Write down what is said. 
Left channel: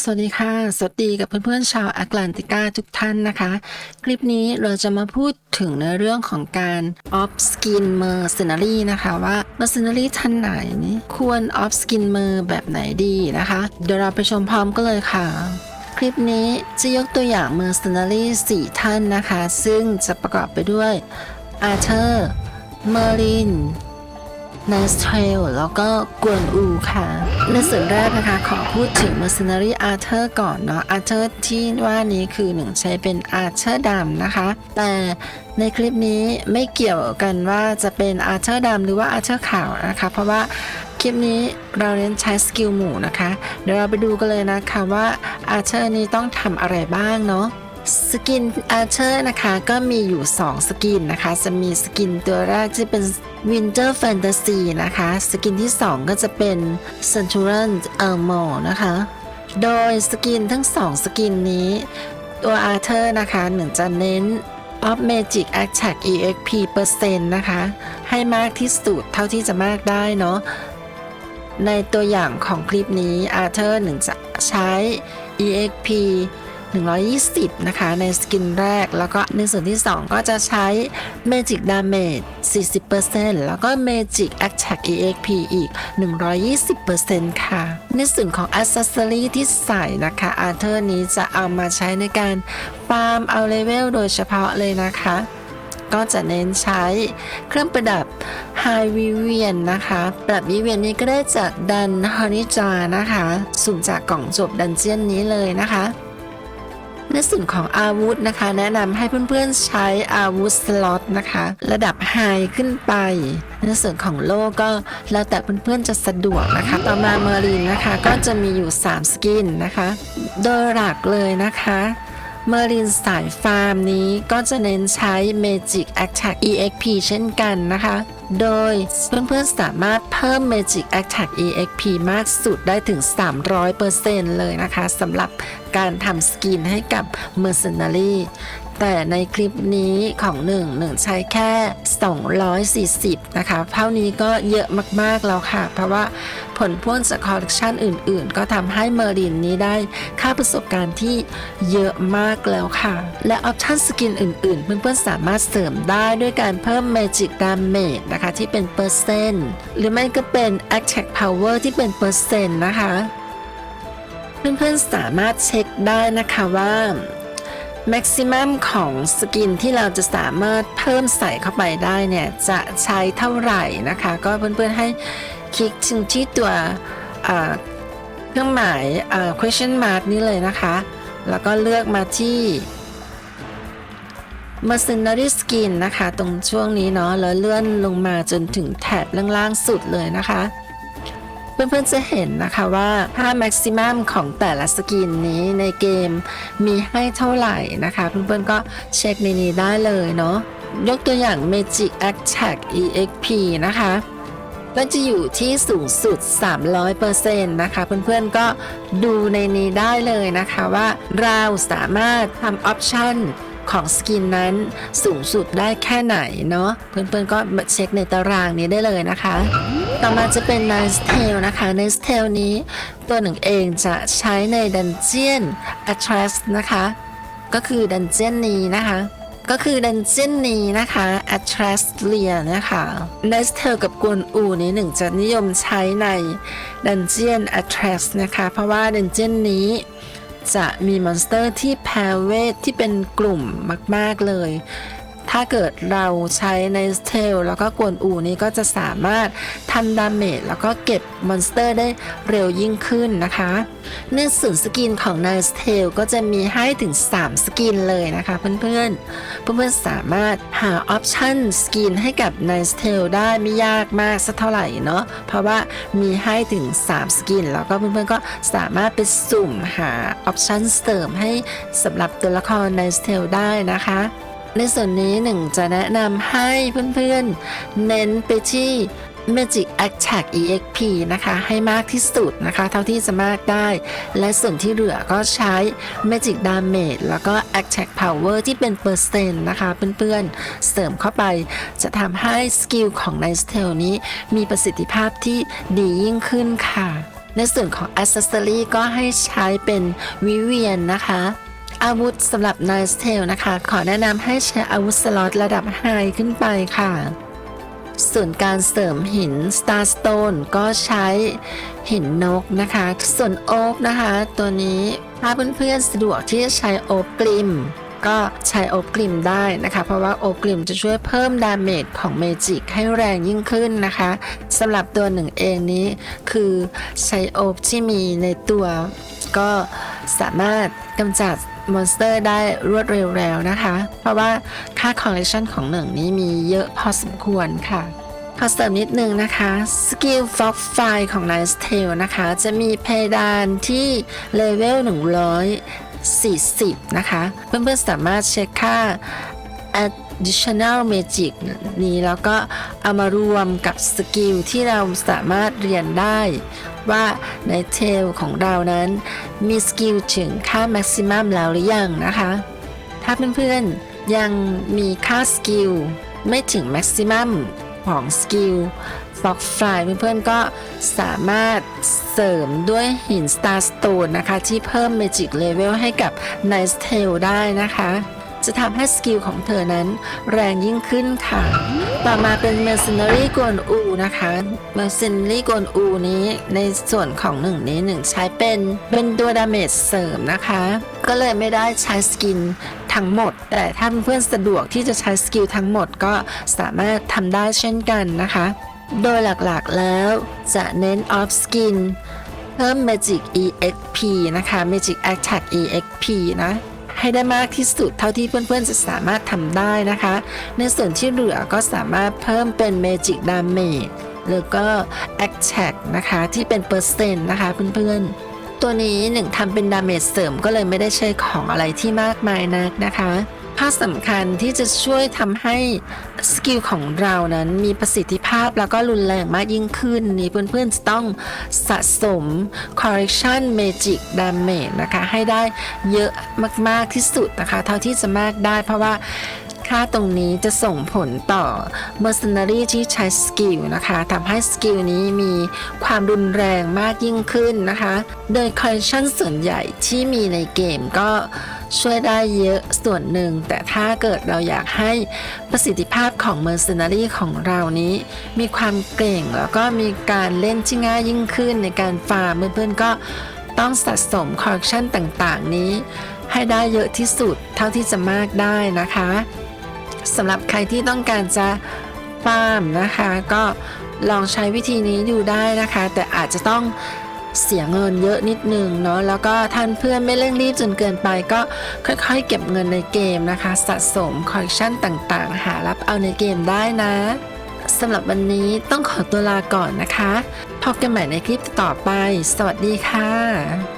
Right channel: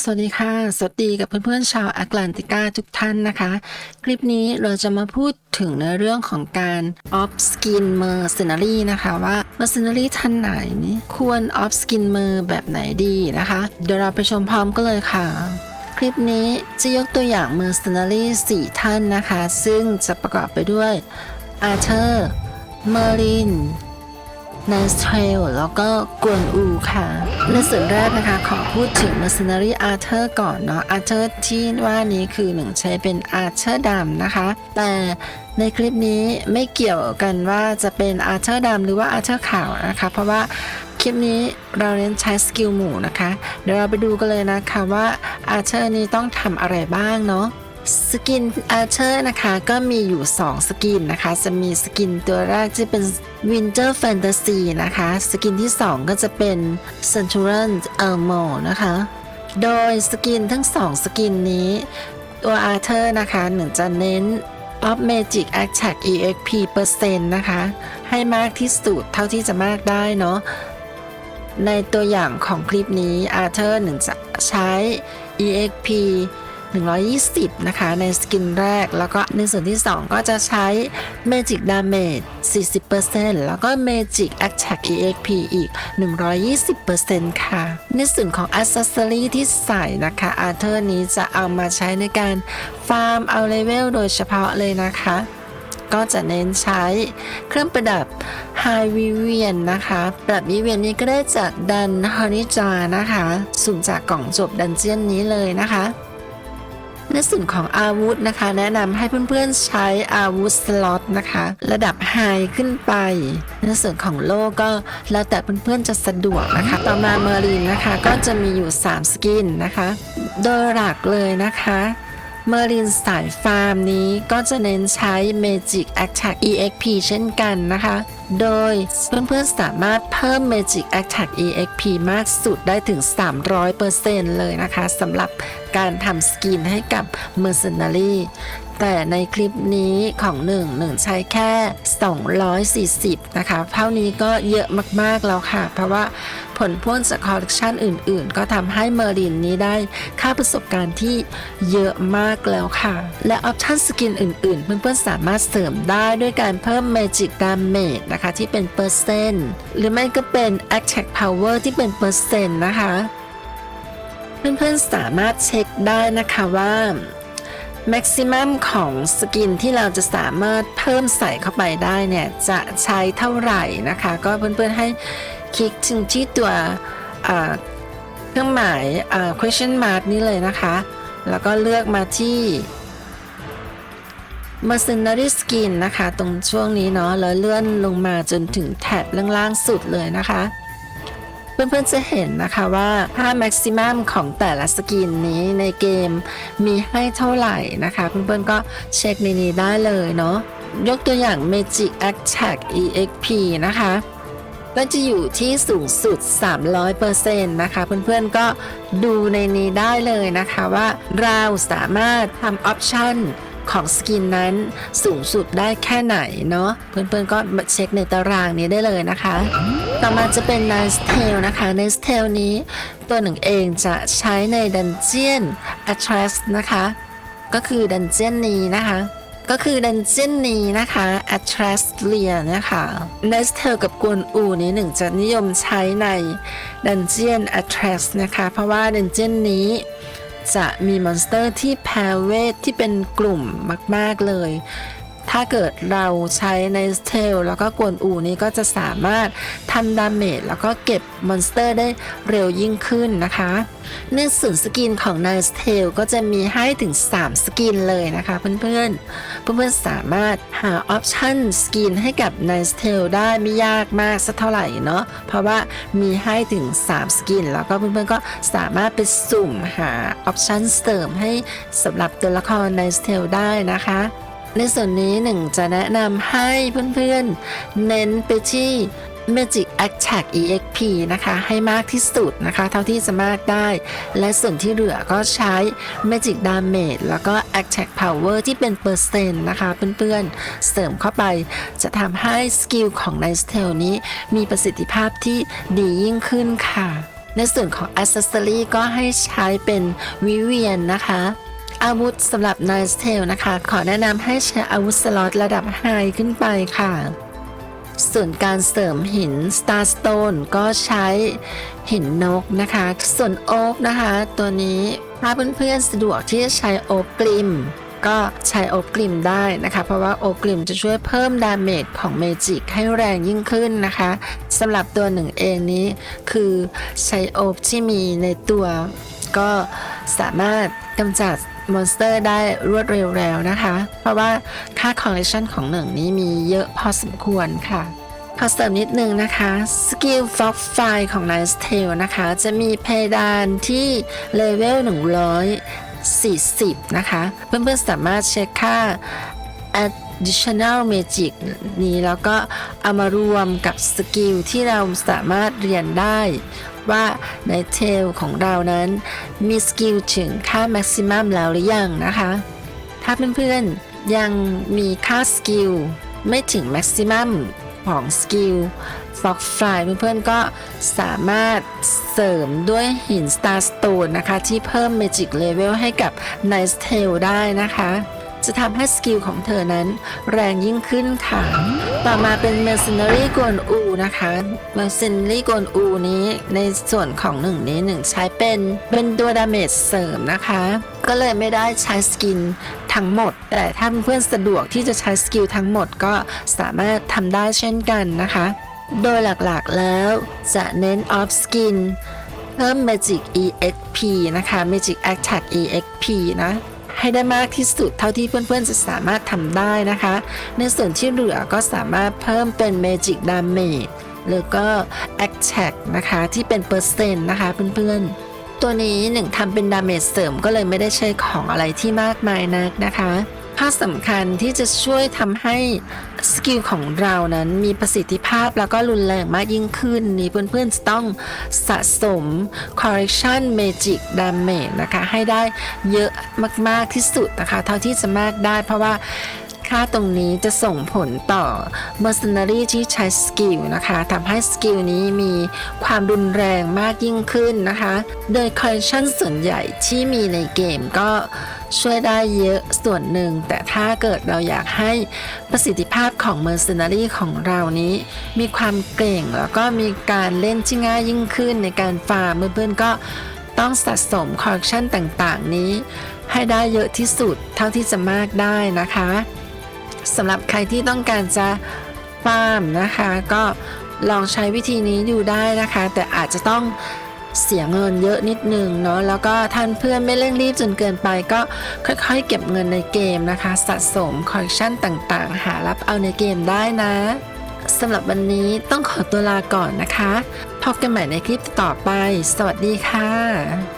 สวัสดีค่ะ สวัสดีกับเพื่อนๆชาวแอตแลนติกาทุกท่านนะคะ คลิปนี้เราจะมาพูดถึงในเรื่องของการ off skin mercenary นะคะว่า mercenary ท่านไหน ควร off skin mer แบบไหนดีนะคะ เดี๋ยวเราไปชมพร้อมกันเลยค่ะ คลิปนี้จะยกตัวอย่าง mercenary 4 ท่านนะคะ ซึ่งจะประกอบไปด้วย Arthur Merlin เนสเทลแล้วก็กวนอูค่ะ ในส่วนแรกนะคะ ขอพูดถึง Mercenary Arthur ก่อนเนาะ Arthur ที่ว่านี้คือหนึ่งใช้เป็น Arthur ดำนะคะ แต่ในคลิปนี้ไม่เกี่ยวกันว่าจะเป็น Arthur ดำหรือว่า Arthur ขาวนะคะ เพราะว่าคลิปนี้เราเน้นใช้สกิลหมู่นะคะ เดี๋ยวเราไปดูกันเลยนะคะว่า Arthur นี้ต้องทำอะไรบ้างเนาะ สกินอาร์เชอร์นะคะ ก็มีอยู่ 2 สกินนะคะ จะมีสกินตัวแรกที่เป็น Winter Fantasy นะคะ สกินที่ 2 ก็จะเป็น Centurion Armor นะคะ โดยสกินทั้ง 2 สกินนี้ ตัวอาร์เธอร์นะคะหนึ่งจะเน้น Up Magic Attack EXP เปอร์เซ็นต์นะคะ ให้มากที่สุดเท่าที่จะมากได้เนาะในตัวอย่างของคลิปนี้อาร์เธอร์หนึ่งจะใช้ EXP 120 นะคะ ในสกินแรก แล้วก็ในส่วนที่ 2 ก็จะใช้ Magic Damage 40%แล้วก็ Magic Attack EXP อีก 120%ค่ะ ในส่วนของ Accessory ที่ใส่นะคะ อาร์เธอร์นี้จะเอามาใช้ในการฟาร์มเอาเลเวลโดยเฉพาะเลยนะคะ ก็จะเน้นใช้เครื่องประดับ High Vivian นะคะปรับวิเวียนนี้ก็ได้จากดันฮานิจานะคะ สุ่มจากกล่องจบดันเจียนนี้เลยนะคะ ในส่วนของอาวุธนะคะ แนะนำให้เพื่อนๆใช้อาวุธสล็อตนะคะ ระดับไฮขึ้นไป ในส่วนของโล่ก็แล้วแต่เพื่อนๆจะสะดวกนะคะ ต่อมาเมอรินนะคะก็จะมีอยู่ 3 สกินนะคะ โดยหลักเลยนะคะเมอรินสายฟาร์มนี้ก็จะเน้นใช้ Magic Attack EXP เช่นกันนะคะ โดยเพื่อนๆสามารถเพิ่ม Magic Attack EXP มากสุดได้ถึง 300%เลยนะคะสำหรับ การทำสกินให้กับ Mercenary แต่ในคลิปนี้ของหนึ่งหนึ่งใช้แค่ 240 นะคะ เท่านี้ก็เยอะมาก ๆ แล้วค่ะ เพราะว่าผลพ่วงจากคอลเลกชันอื่น ๆ ก็ทำให้เมอรินนี้ได้ค่าประสบการณ์ที่เยอะมากแล้วค่ะ และออปชั่นสกินอื่น ๆ เพื่อน ๆ สามารถเสริมได้ด้วยการเพิ่ม Magic Damage นะคะ ที่เป็นเปอร์เซ็นต์ หรือไม่ก็เป็น Attack Power ที่เป็นเปอร์เซ็นต์นะคะ เพื่อนๆสามารถเช็คได้นะคะว่าแม็กซิมัมของสกินที่เราจะสามารถเพิ่มใส่เข้าไปได้เนี่ย จะใช้เท่าไหร่นะคะ ก็เพื่อนๆให้คลิกถึงที่ตัวเครื่องหมาย question mark นี้เลยนะคะ แล้วก็เลือกมาที่ Mercenary Skin นะคะ ตรงช่วงนี้เนาะแล้วเลื่อนลงมาจนถึงแถบล่างๆสุดเลยนะคะ เพื่อนๆจะเห็นนะคะว่าค่าแม็กซิมัมของแต่ละสกินนี้ในเกมมีให้เท่าไหร่นะคะ เพื่อนๆก็เช็คในนี้ได้เลยเนาะยกตัวอย่าง Magic Attack EXP นะคะก็จะอยู่ที่สูงสุด 300%นะคะ เพื่อนๆก็ดูในนี้ได้เลยนะคะว่าเราสามารถทำออปชัน ของสกินนั้นสูงสุดได้แค่ไหนเนาะเพื่อนๆก็เช็คในตารางนี้ได้เลยนะคะ ต่อมาจะเป็น Nice Tail นะคะ Nice Tail นี้ตัวหนึ่งเองจะใช้ในดันเจียน Atlas นะคะ ก็คือดันเจียนนี้นะคะก็คือดันเจียนนี้นะคะ a t r a s l i a นะคะเนสเธอกับกวนอูนี้หนึ่งจะนิยมใช้ในดันเจียน a t r a s นะคะ เพราะว่าดันเจียนนี้ จะมีมอนสเตอร์ที่แพรเวทที่เป็นกลุ่มมาก ๆ เลย ถ้าเกิดเราใช้ในสเทลแล้วก็กวนอูนี้ก็จะสามารถทำดาเมจแล้วก็เก็บมอนสเตอร์ได้เร็วยิ่งขึ้นนะคะในส่วนสกินของ n i c e t a l ก็จะมีให้ถึง 3 สกินเลยนะคะเพื่อนๆ เพื่อนๆสามารถหาออปชั่นสกินให้กับ n i c e t a l ได้ไม่ยากมากสักเท่าไหร่เนาะเพราะว่ามีให้ถึง 3 สกิน แล้วก็เพื่อนๆก็สามารถไปสุ่มหาออปชั่นเสริมให้สำหรับตัวละคร n i c e t a l ได้นะคะ ในส่วนนี้หนึ่งจะแนะนำให้เพื่อนๆ เน้นไปที่ Magic Attack EXP นะคะ ให้มากที่สุดนะคะ เท่าที่จะมากได้ และส่วนที่เหลือก็ใช้ Magic Damage แล้วก็ Attack Power ที่เป็นเปอร์เซ็นต์นะคะ เพื่อนๆ เสริมเข้าไป จะทำให้สกิลของ n i c e t a l นี้มีประสิทธิภาพที่ดียิ่งขึ้นค่ะ ในส่วนของ Accessory ก็ให้ใช้เป็นวิเวียนนะคะ อาวุธสำหรับ Nice Tail นะคะ ขอแนะนำให้ใช้อาวุธสล็อตระดับ High ขึ้นไปค่ะ ส่วนการเสริมหิน Star Stone ก็ใช้หินนกนะคะ ส่วนโอ๊กนะคะ ตัวนี้ถ้าเพื่อนๆสะดวกที่จะใช้โอ๊กกลิม ก็ใช้โอ๊กกลิมได้นะคะ เพราะว่าโอ๊กกลิมจะช่วยเพิ่มดาเมจของเมจิกให้แรงยิ่งขึ้นนะคะสำหรับตัวหนึ่งเองนี้คือใช้โอ๊กที่มีในตัว ก็สามารถกำจัด มอนสเตอร์ได้รวดเร็วแล้วนะคะ เพราะว่าค่าคอลเลคชันของหนึ่งนี้มีเยอะพอสมควรค่ะขอเสริมนิดนึงนะคะสกิลฟ็อกไฟของ Nice Tail นะคะ จะมีเพดานที่เลเวล140 นะคะ เพื่อนๆสามารถเช็คค่า additional magic นี้แล้วก็เอามารวมกับสกิลที่เราสามารถเรียนได้ ว่าในเทลของเรานั้น มีสกิลถึงค่า maximum แล้วหรือยังนะคะ ถ้าเพื่อนๆยังมีค่าสกิลไม่ถึง maximum ของสกิลฟักไฟเพื่อนๆก็สามารถเสริมด้วยหิน Star Stone นะคะ ที่เพิ่ม Magic Level ให้กับ Nice Tail ได้นะคะ จะทำให้สกิลของเธอนั้น แรงยิ่งขึ้นค่ะ ต่อมาเป็น Mercenary กวนอูนะคะ Mercenary กวนอูนี้ในส่วนของหนึ่งนี้หนึ่งใช้เป็นเป็นตัวดาเมจเสริมนะคะ ก็เลยไม่ได้ใช้สกินทั้งหมด แต่ถ้าเพื่อนสะดวกที่จะใช้สกิลทั้งหมดก็สามารถทำได้เช่นกันนะคะ โดยหลักๆแล้วจะเน้น off skin เพิ่ม Magic EXP นะคะ Magic Attack EXP นะ ให้ได้มากที่สุดเท่าที่เพื่อนๆจะสามารถทำได้นะคะ ในส่วนที่เหลือก็สามารถเพิ่มเป็น Magic Damage หรือก็ Attack นะคะที่เป็นเปอร์เซ็นต์นะคะเพื่อนๆตัวนี้หนึ่งทำเป็นดาเมจเสริมก็เลยไม่ได้ใช้ของอะไรที่มากมายนักนะคะ ถ้าสำคัญที่จะช่วยทำให้สกิลของเรานั้นมีประสิทธิภาพแล้วก็รุนแรงมากยิ่งขึ้น นี่เพื่อนๆจะต้องสะสม Collection Magic Damage นะคะ ให้ได้เยอะมากๆที่สุดนะคะ เท่าที่จะมากได้เพราะว่าค่าตรงนี้จะส่งผลต่อ Mercenary ที่ใช้สกิลนะคะทำให้สกิลนี้มีความรุนแรงมากยิ่งขึ้นนะคะ โดยคอลเลคชันส่วนใหญ่ที่มีในเกมก็ ช่วยได้เยอะส่วนหนึ่ง แต่ถ้าเกิดเราอยากให้ประสิทธิภาพของ Mercenary ของเรานี้ มีความเก่งแล้วก็มีการเล่นที่ง่ายยิ่งขึ้นในการฟาร์มเพื่อนๆก็ต้องสะสมคอลเลคชันต่างๆ นี้ ให้ได้เยอะที่สุดเท่าที่จะมากได้นะคะสำหรับใครที่ต้องการจะฟาร์มนะคะ ก็ลองใช้วิธีนี้ดูได้นะคะ แต่อาจจะต้อง เสียเงินเยอะนิดนึงเนาะแล้วก็ท่านเพื่อนไม่เร่งรีบจนเกินไปก็ค่อยๆเก็บเงินในเกมนะคะ สะสมคอลเลคชันต่างๆ หารับเอาในเกมได้นะสำหรับวันนี้ต้องขอตัวลาก่อนนะคะ พบกันใหม่ในคลิปต่อไป สวัสดีค่ะ